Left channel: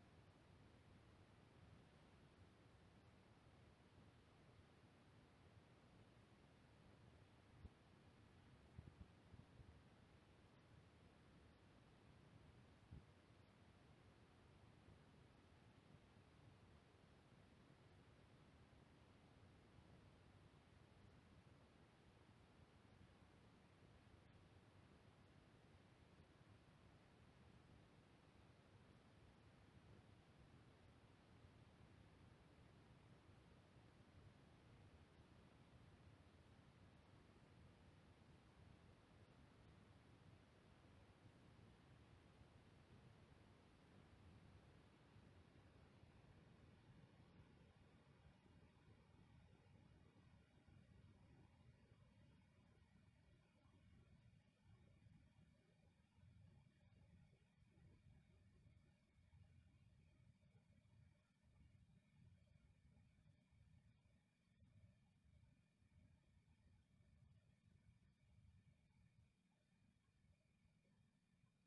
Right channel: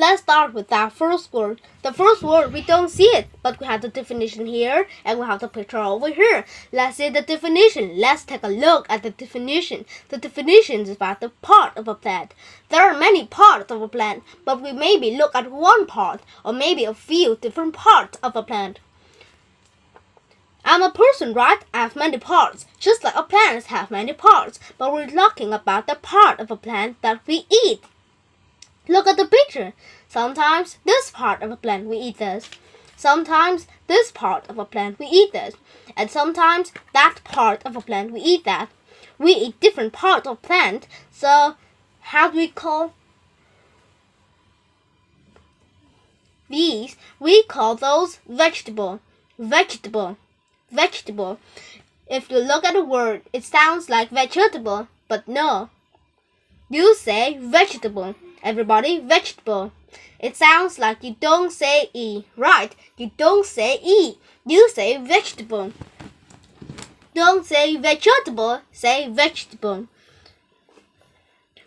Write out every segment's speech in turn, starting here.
Let's start with that first word. The first word, we don't see it, but we have the definition here, and we have the picture over here. Let's see the definition. Let's take a look at the definition. The definition is about the part of a plant. There are many parts of a plant, but we maybe look at one part, or maybe a few different parts of a plant. I'm a person, right? I have many parts, just like a plant has many parts, but we're talking about the part of a plant that we eat. Look at the picture. Sometimes this part of a plant we eat this. Sometimes this part of a plant we eat this. And sometimes that part of a plant we eat that. We eat different parts of plant. So how do we call these? We call those vegetable. Vegetable. Vegetable. If you look at the word, it sounds like vegetable, but no. You say vegetable. Everybody, vegetable. It sounds like you don't say E, right? You don't say E. You say vegetable. Don't say vegetable, say vegetable.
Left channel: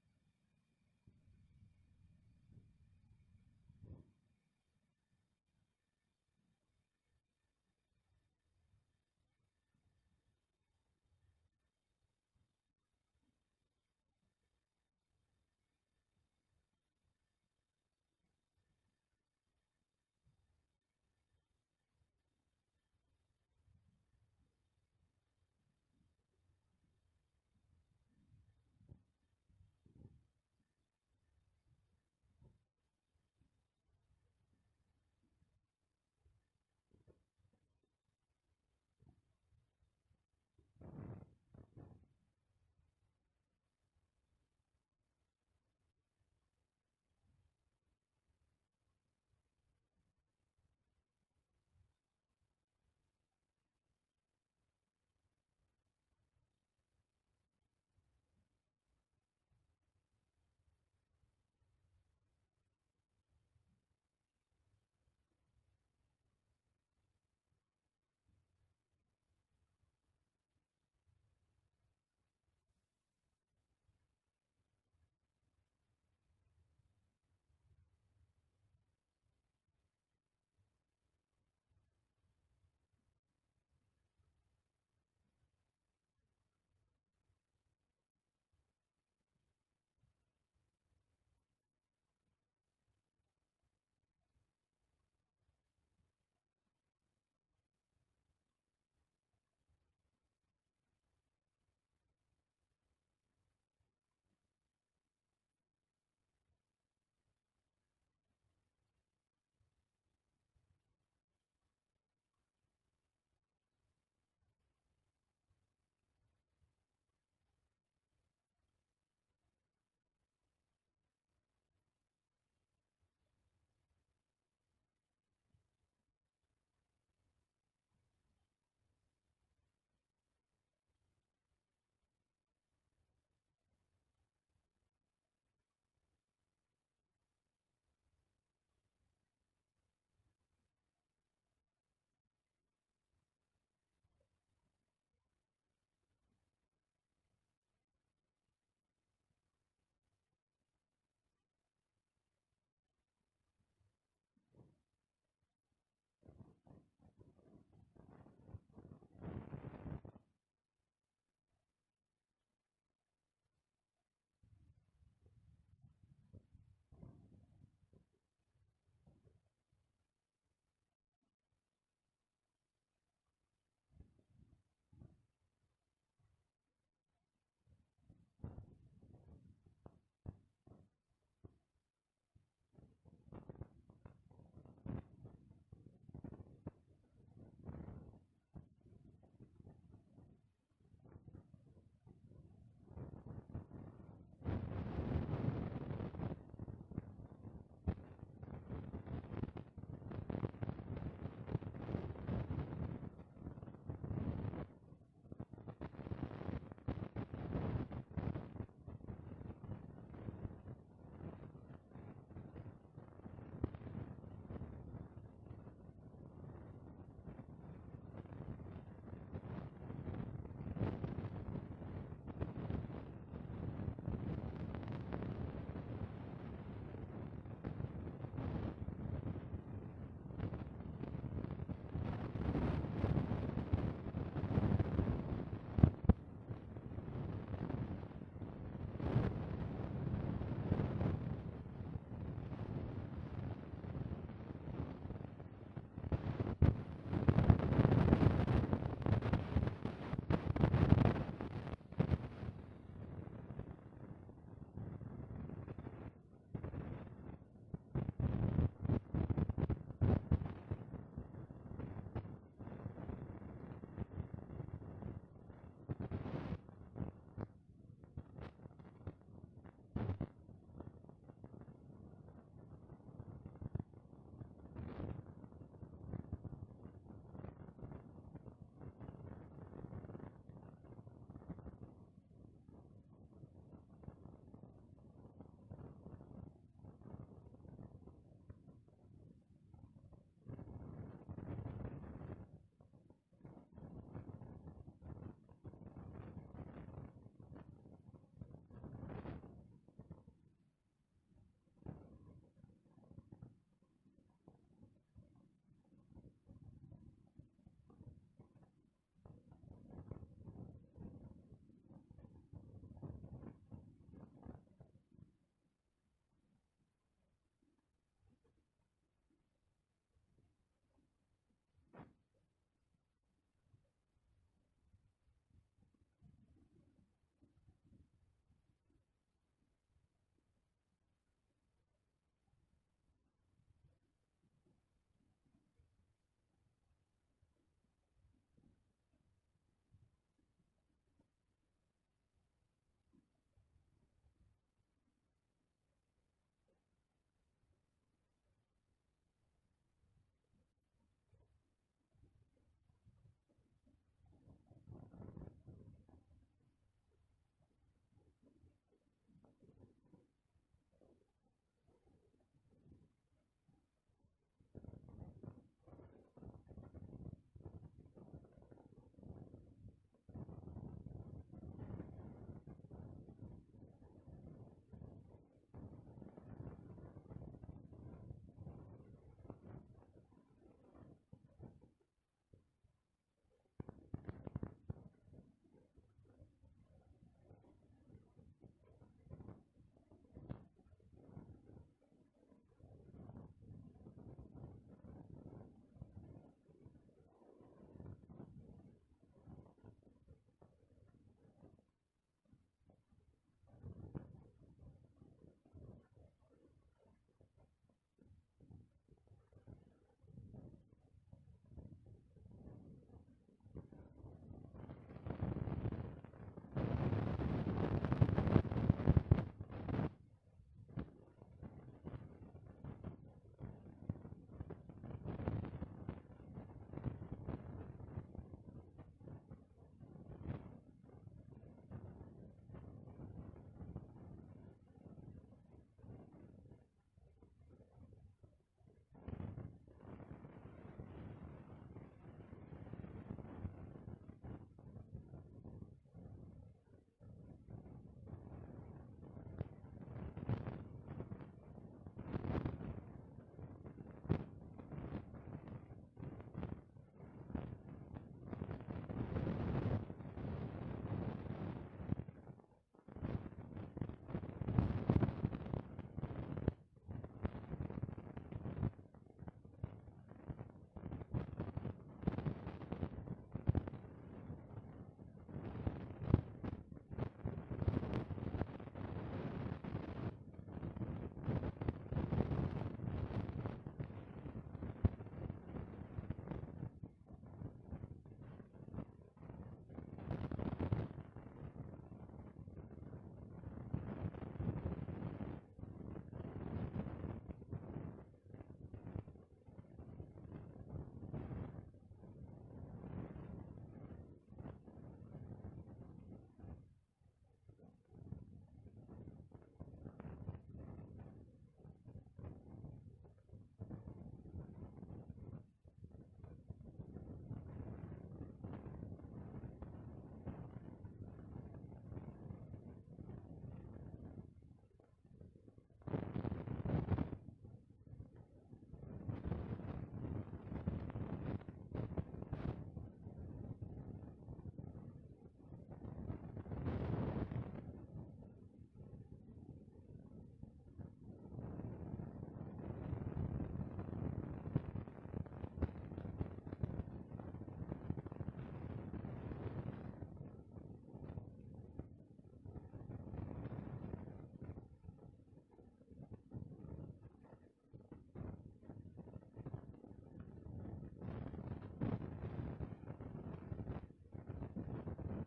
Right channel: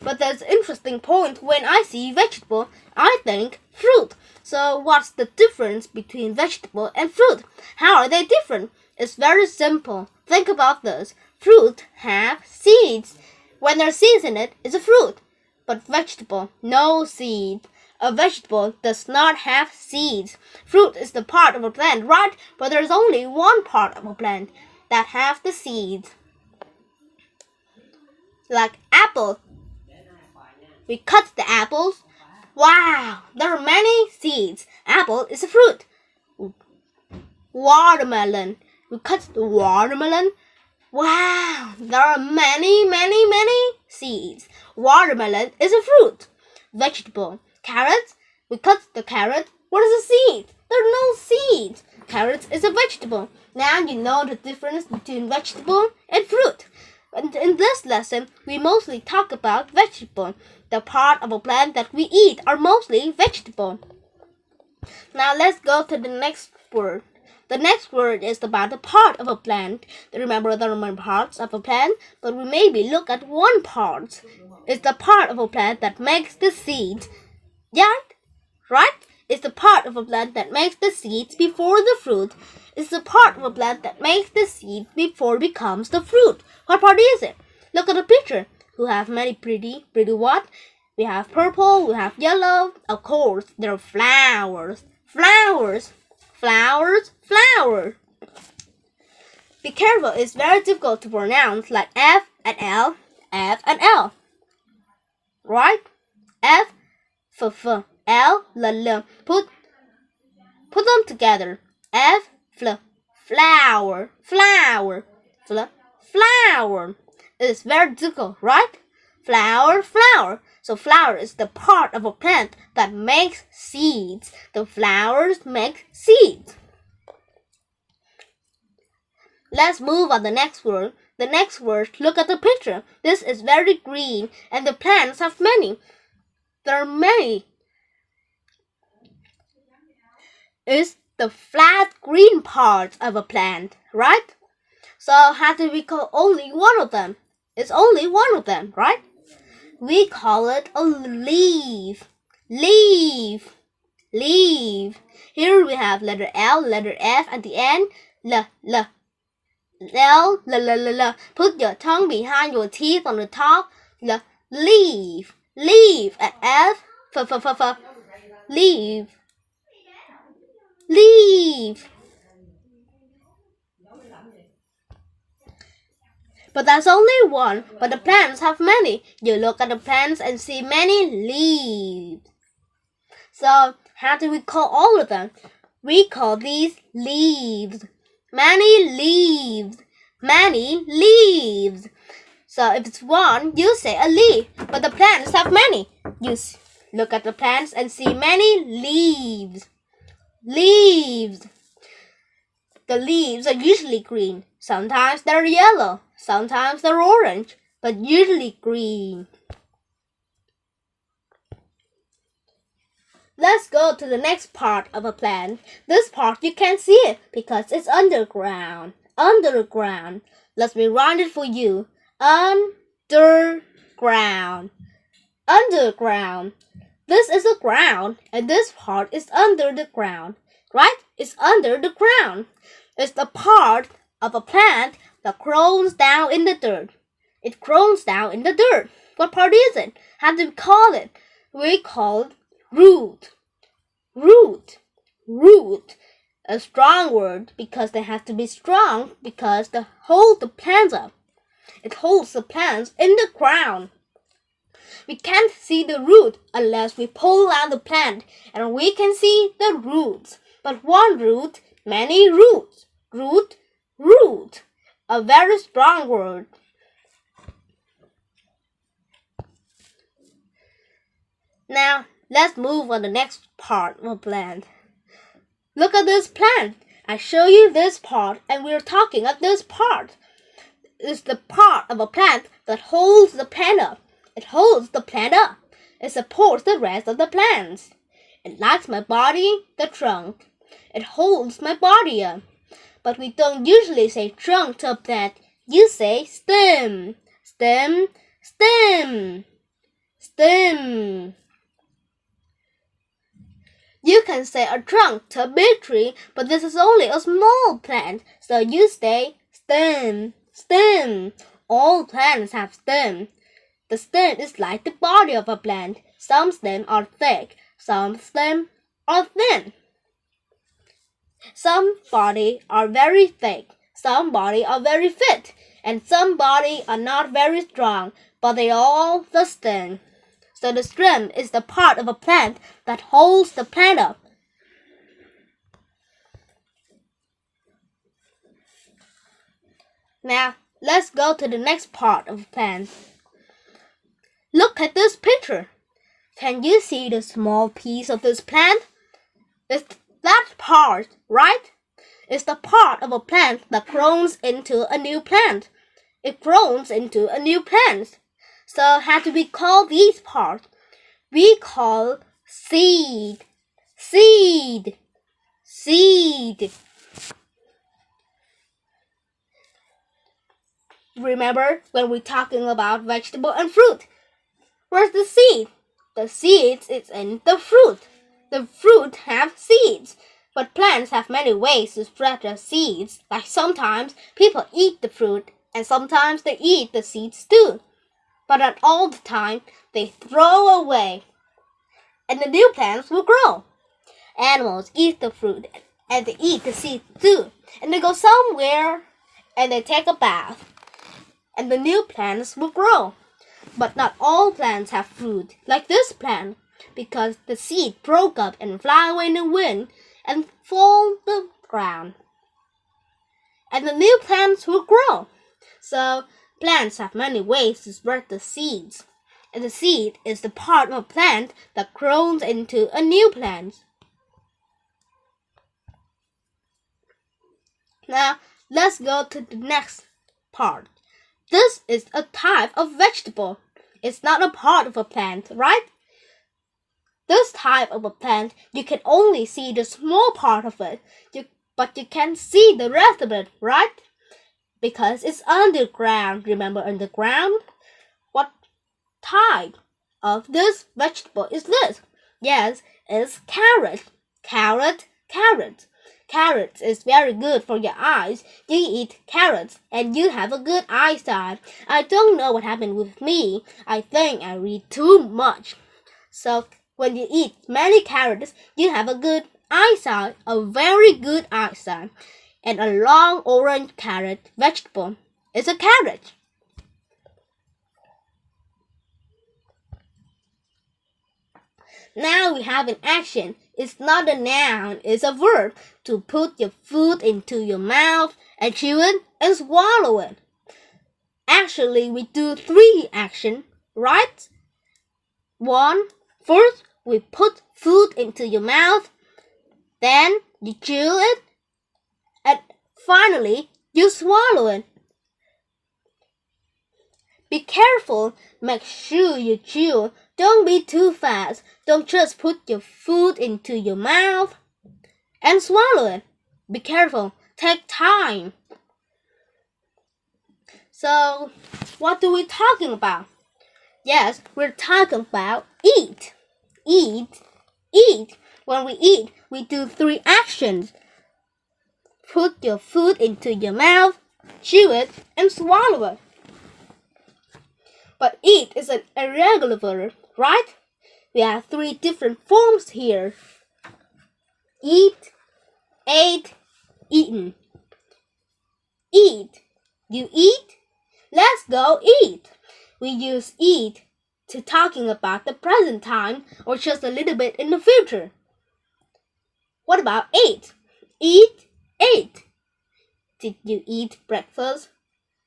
But there's an interesting point. When I see vegetable, I think fruit. So what's the difference between vegetable and fruit? How are they different? It's very simple. Think about this. Fruit have seeds. When there's seeds in it, it's a fruit. But vegetable, no seed. A vegetable does not have seeds. Fruit is the part of a plant, right? But there's only one part of a plant that have the seeds. Like apple. We cut the apples. Wow, there are many seeds. Apple is a fruit. Watermelon. We cut the watermelon. Wow, there are many seeds. Watermelon is a fruit. Vegetable. Carrots. We cut the carrot. What is a seed? There are no seeds. Carrots is a vegetable. Now you know the difference between vegetable and fruit. And in this lesson, we mostly talk about vegetable. The part of a plant that we eat are mostly vegetable. Now let's go to the next word. The next word is about the part of a plant. Remember, there are many parts of a plant, but we maybe look at one part. It's the part of a plant that makes the seeds. Yeah, right? It's the part of a plant that makes the seeds before the fruit. It's the part of a plant that makes the seed before it becomes the fruit. What part is it? Look at the picture. We have many pretty what? We have purple, we have yellow. Of course, there are flowers. Flowers. Be careful, it's very difficult to pronounce, like F and L, F and L. Right? F, F, L, L. Put them together. F, flower, flower. It's very difficult, right? Flower. So flower is the part of a plant that makes seeds. The flowers make seeds. Let's move on the next word. The next word, look at the picture. This is very green and the plants have many. There are many. It's the flat green part of a plant, right? So how do we call only one of them? It's only one of them, right? We call it a leaf. Leaf. Here we have letter L, letter F at the end. L. Put your tongue behind your teeth on the top. Leaf. At F. Leaf. But that's only one. But the plants have many. You look at the plants and see many leaves. So how do we call all of them? We call these leaves. Many leaves. So if it's one, you say a leaf. But the plants have many. You look at the plants and see many leaves. The leaves are usually green. Sometimes they're yellow. Sometimes they're orange. But usually green. Let's go to the next part of a plant. This part you can't see it because it's underground. Let me write it for you. Underground. this is the ground, and this part is under the ground, right? It's under the ground. It's the part of a plant that grows down in the dirt. It grows down in the dirt. What part is it? How do we call it? We call it root. Root. Root. A strong word because they have to be strong because they hold the plants up. It holds the plants in the ground. We can't see the root unless we pull out the plant, and we can see the roots. But one root, many roots. Root, root. A very strong word. Now, let's move on to the next part of a plant. Look at this plant. I show you this part, and we're talking of this part. It's the part of a plant that holds the plant up. It holds the plant up. It supports the rest of the plants. It likes my body, the trunk. It holds my body up. But we don't usually say trunk to a plant. You say stem, stem, stem, stem. You can say a trunk to a big tree, but this is only a small plant, so you say stem, stem. All plants have stem. The stem is like the body of a plant. Some stems are thick, some stems are thin. Some bodies are very thick, some bodies are very fit, and some bodies are not very strong, but they are all the stem. So the stem is the part of a plant that holds the plant up. Now, let's go to the next part of a plant. Look at this picture. Can you see the small piece of this plant? It's that part, right? It's the part of a plant that grows into a new plant. It grows into a new plant. So how do we call these parts? We call seed, seed, seed. Remember when we're talking about vegetable and fruit? Where's the seed? The seeds is in the fruit. The fruit have seeds. But plants have many ways to spread their seeds. Like sometimes people eat the fruit and sometimes they eat the seeds too. But not all the time they throw away. And the new plants will grow. Animals eat the fruit and they eat the seeds too. And they go somewhere and they take a bath. And the new plants will grow. But not all plants have fruit, like this plant, because the seed broke up and fly away in the wind and fall the ground. And the new plants will grow. So plants have many ways to spread the seeds. And the seed is the part of a plant that grows into a new plant. Now, let's go to the next part. This is a type of vegetable. It's not a part of a plant, right? This type of a plant, you can only see the small part of it, but you can see the rest of it, right? Because it's underground. Remember underground? What type of this vegetable is this? Yes, it's carrot. Carrot, carrot. Carrots is very good for your eyes. You eat carrots and you have a good eyesight. I don't know what happened with me. I think I read too much. So when you eat many carrots, you have a good eyesight, a very good eyesight. And a long orange carrot vegetable is a carrot. Now we have an action. It's not a noun, it's a verb. To put your food into your mouth and chew it and swallow it. Actually, we do 3 actions, right? 1. First, we put food into your mouth. Then you chew it. And finally, you swallow it. Be careful. Make sure you chew. Don't be too fast. Don't just put your food into your mouth and swallow it. Be careful. Take time. So, what are we talking about? Yes, we're talking about eat. eat. Eat. When we eat, we do 3 actions. Put your food into your mouth, chew it, and swallow it. But eat is an irregular verb, right? We have 3 different forms here. Eat, ate, eaten. Eat. You eat? Let's go eat. We use eat to talking about the present time or just a little bit in the future. What about ate? Eat, ate. Did you eat breakfast?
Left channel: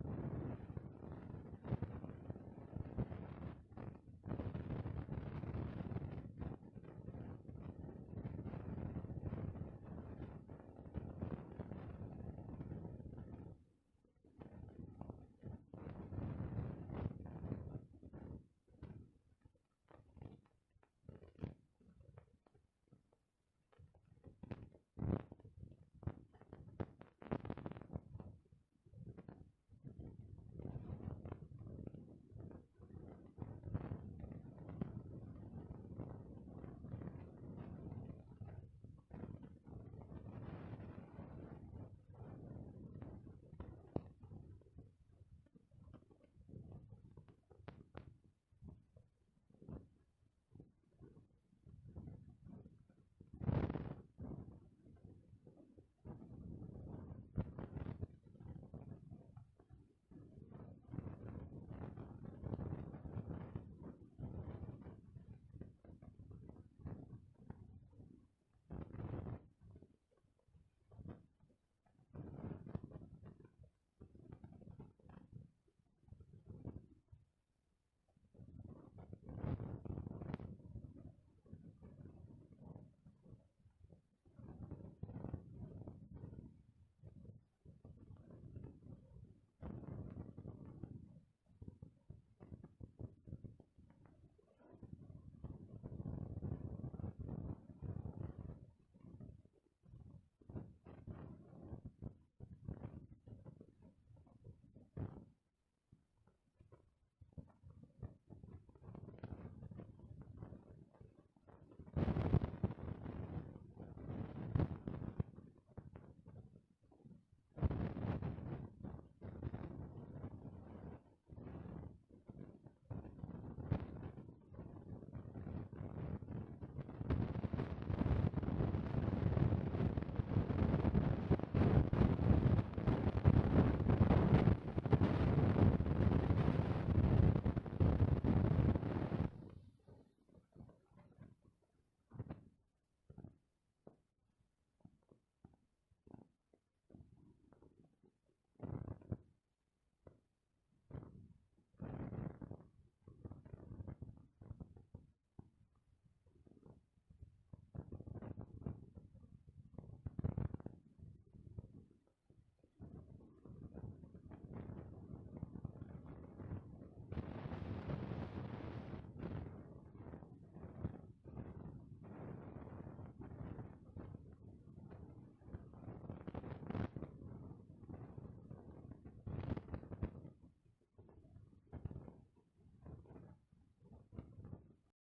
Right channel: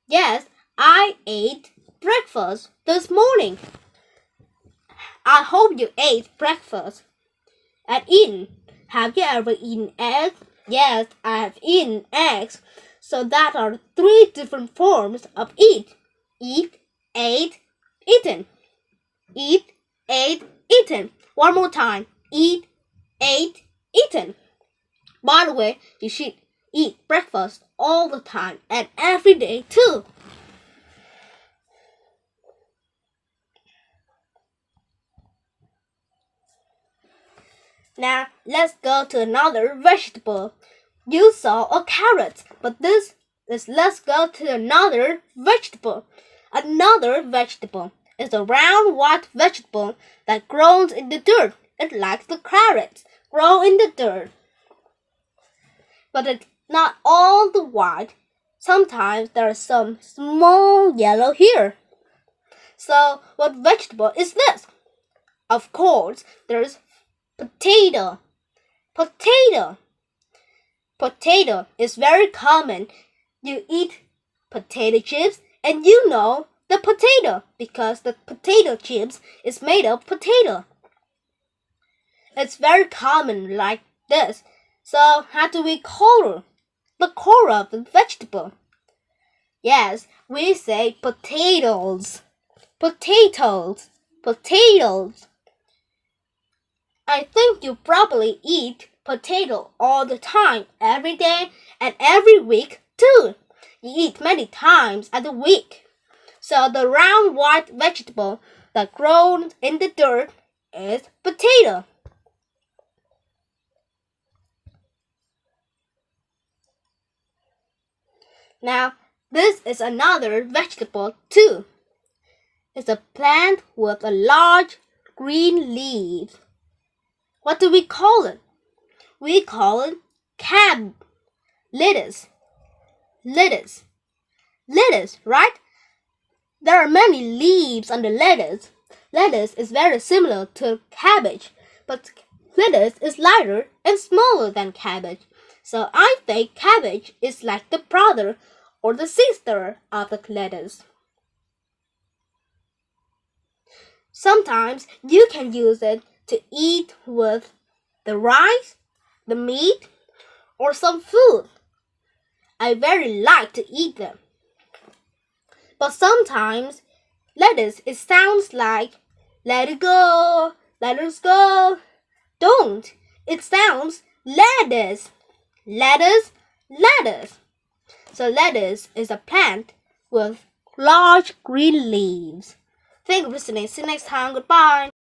Yes, I ate breakfast this morning. I hope you ate breakfast. And eaten. Have you ever eaten eggs? Yes, I have eaten eggs. So that are 3 different forms of eat. Eat, ate, eaten. Eat, ate, eaten. One more time. Eat, ate, eaten. By the way, you should eat breakfast all the time and every day too. Now, let's go to another vegetable. You saw a carrot, but let's go to another vegetable. Another vegetable is a round white vegetable that grows in the dirt. It likes the carrots, grow in the dirt. But it's not all the white. Sometimes there are some small yellow here. So, what vegetable is this? Of course, there's potato. Potato. Potato is very common. You eat potato chips and you know the potato because the potato chips is made of potato. It's very common like this. So how do we color the color of the vegetable? Yes, we say potatoes. Potatoes. Potatoes. I think you probably eat potato all the time, every day and every week too. You eat many times a week. So the round white vegetable that grows in the dirt is potato. Now, this is another vegetable too. It's a plant with a large green leaf. What do we call it? We call it lettuce. Lettuce. Lettuce, right? There are many leaves on the lettuce. Lettuce is very similar to cabbage, but lettuce is lighter and smaller than cabbage. So I think cabbage is like the brother or the sister of the lettuce. Sometimes you can use it to eat with the rice, the meat, or some food. I very like to eat them. But sometimes lettuce it sounds like let it go, let us go. Don't. It sounds lettuce. Lettuce, lettuce. So lettuce is a plant with large green leaves. Thank you for listening. See you next time. Goodbye.